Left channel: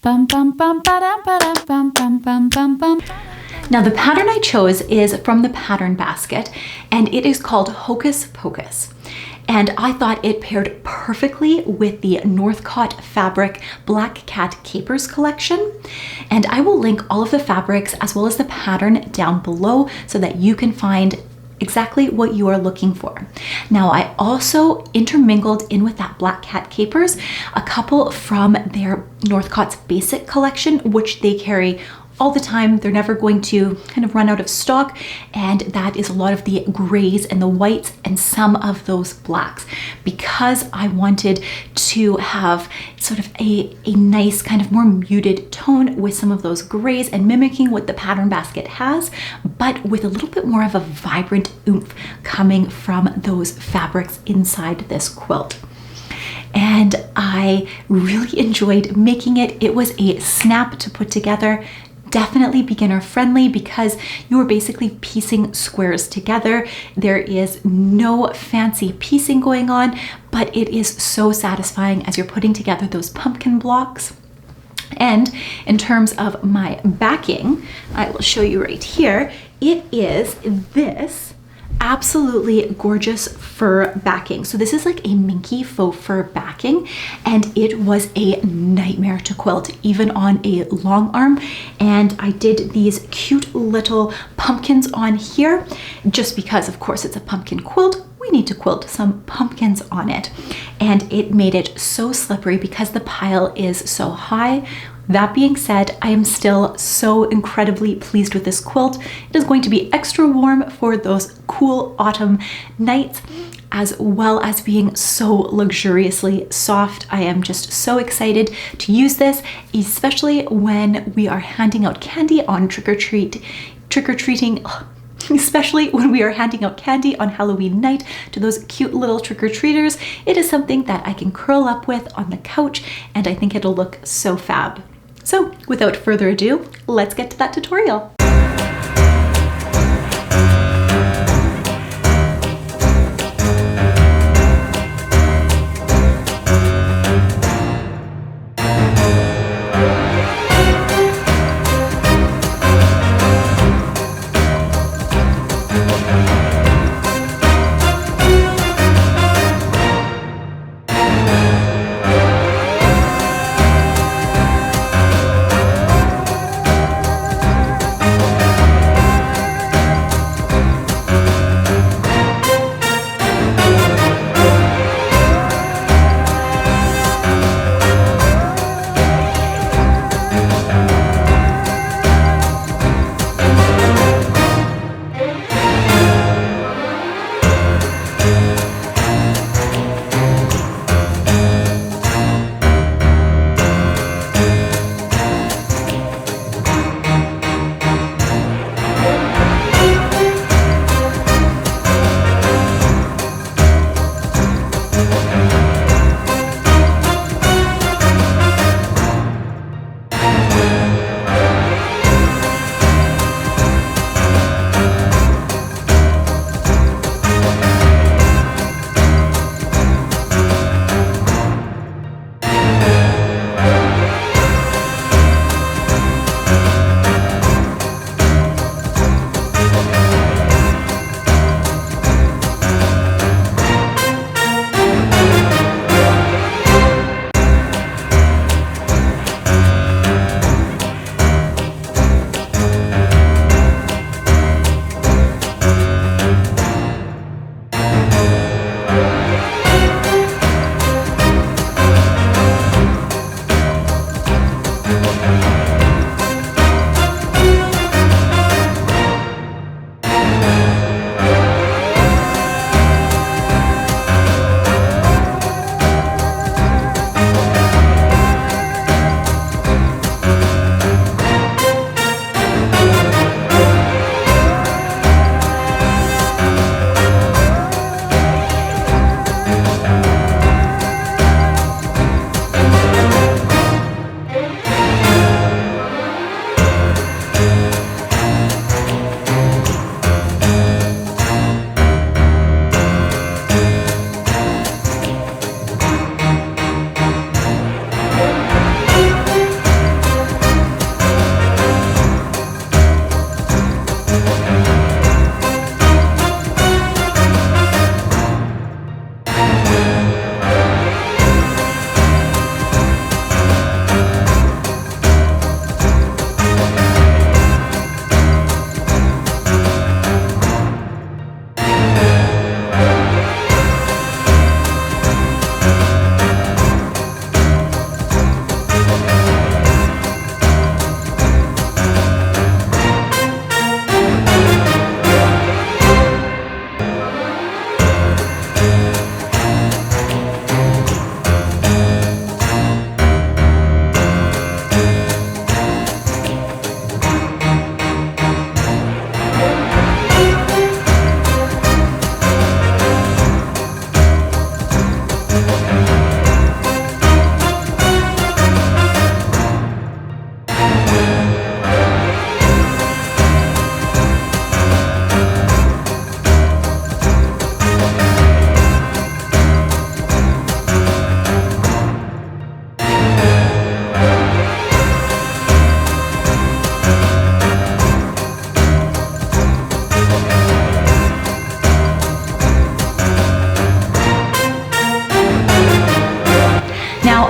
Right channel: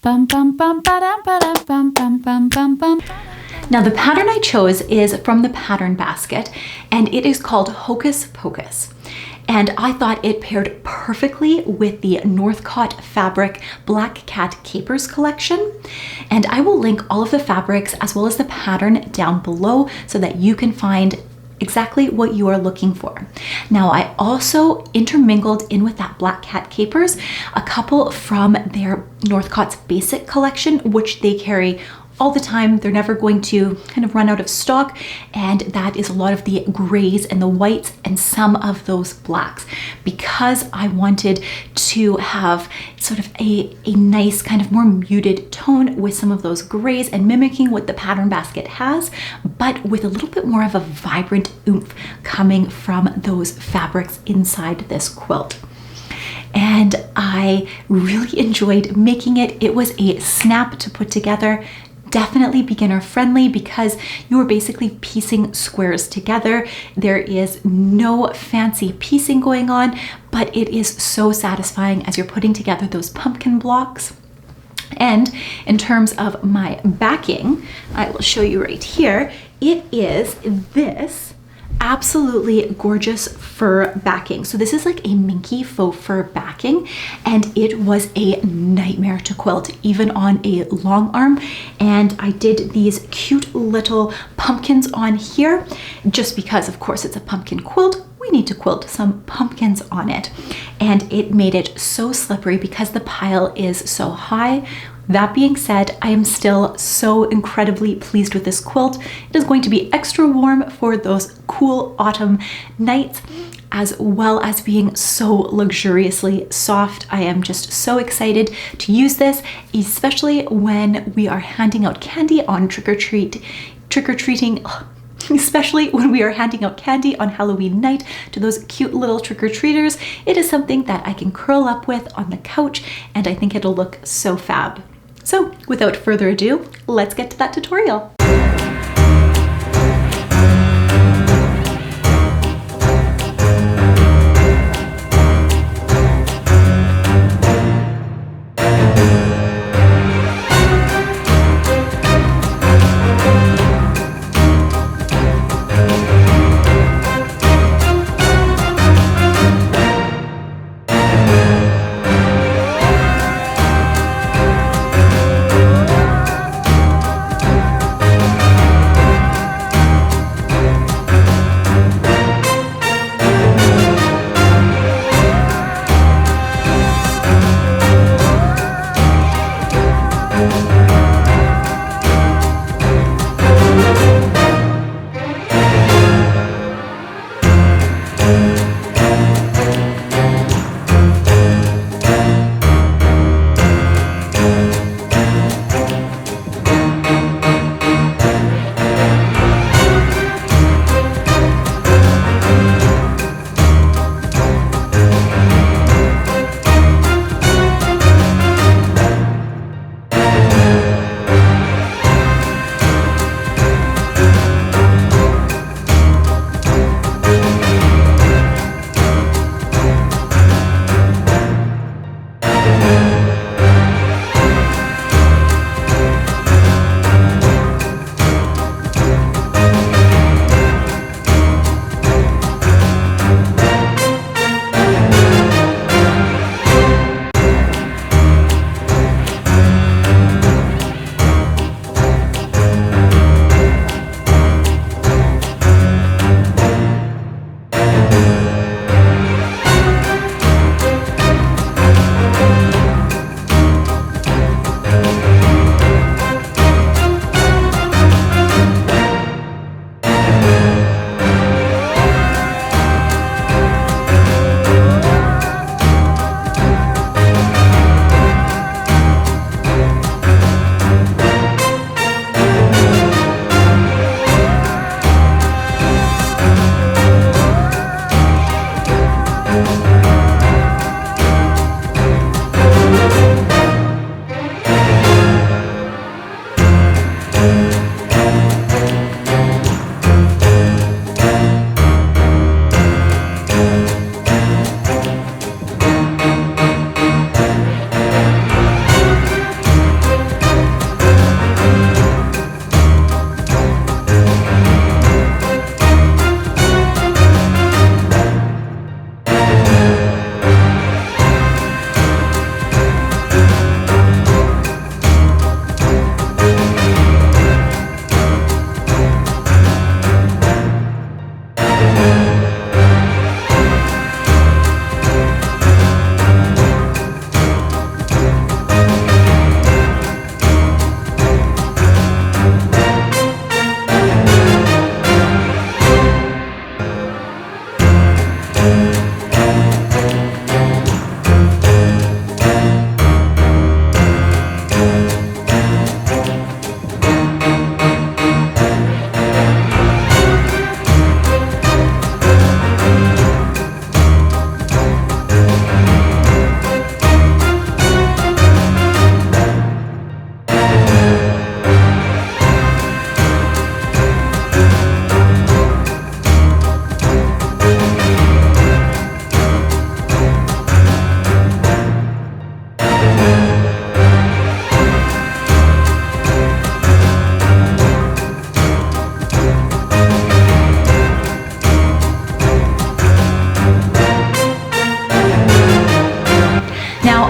Bum bum bum ba-dum ba-dum bum bum bum bum bum. Now the pattern I chose is from the pattern basket, and it is called Hocus Pocus. And I thought it paired perfectly with the Northcott fabric Black Cat Capers collection. And I will link all of the fabrics as well as the pattern down below so that you can find exactly what you are looking for. Now I also intermingled in with that Black Cat Capers a couple from their Northcott's basic collection, which they carry all the time. They're never going to kind of run out of stock, and that is a lot of the grays and the whites and some of those blacks, because I wanted to have sort of a nice kind of more muted tone with some of those grays and mimicking what the pattern basket has, but with a little bit more of a vibrant oomph coming from those fabrics inside this quilt. And I really enjoyed making it. It was a snap to put together. Definitely beginner friendly because you are basically piecing squares together. There is no fancy piecing going on, but it is so satisfying as you're putting together those pumpkin blocks. And in terms of my backing, I will show you right here. It is this absolutely gorgeous fur backing. So this is like a minky faux fur backing, and it was a nightmare to quilt even on a long arm. And I did these cute little pumpkins on here just because, of course, it's a pumpkin quilt. We need to quilt some pumpkins on it, and it made it so slippery because the pile is so high. That being said, I am still so incredibly pleased with this quilt. It is going to be extra warm for those cool autumn nights, as well as being so luxuriously soft. I am just so excited to use this, especially when we are handing out candy on trick-or-treating, especially when we are handing out candy on Halloween night to those cute little trick-or-treaters. It is something that I can curl up with on the couch, and I think it'll look so fab. So without further ado, let's get to that tutorial.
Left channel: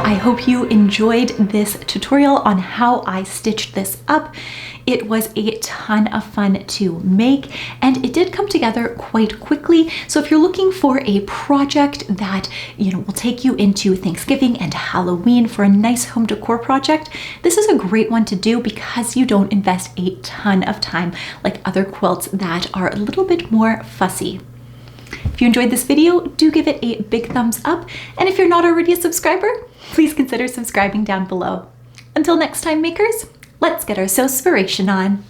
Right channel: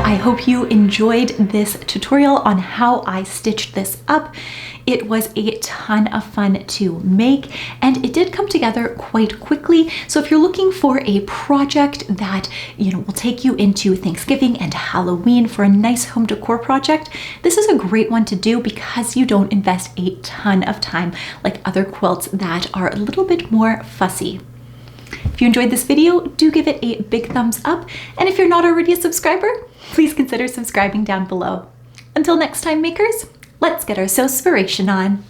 I hope you enjoyed this tutorial on how I stitched this up. It was a ton of fun to make, and it did come together quite quickly. So if you're looking for a project that, will take you into Thanksgiving and Halloween for a nice home decor project, this is a great one to do because you don't invest a ton of time like other quilts that are a little bit more fussy. If you enjoyed this video, do give it a big thumbs up. And if you're not already a subscriber, please consider subscribing down below. Until next time, makers, let's get our sewspiration on.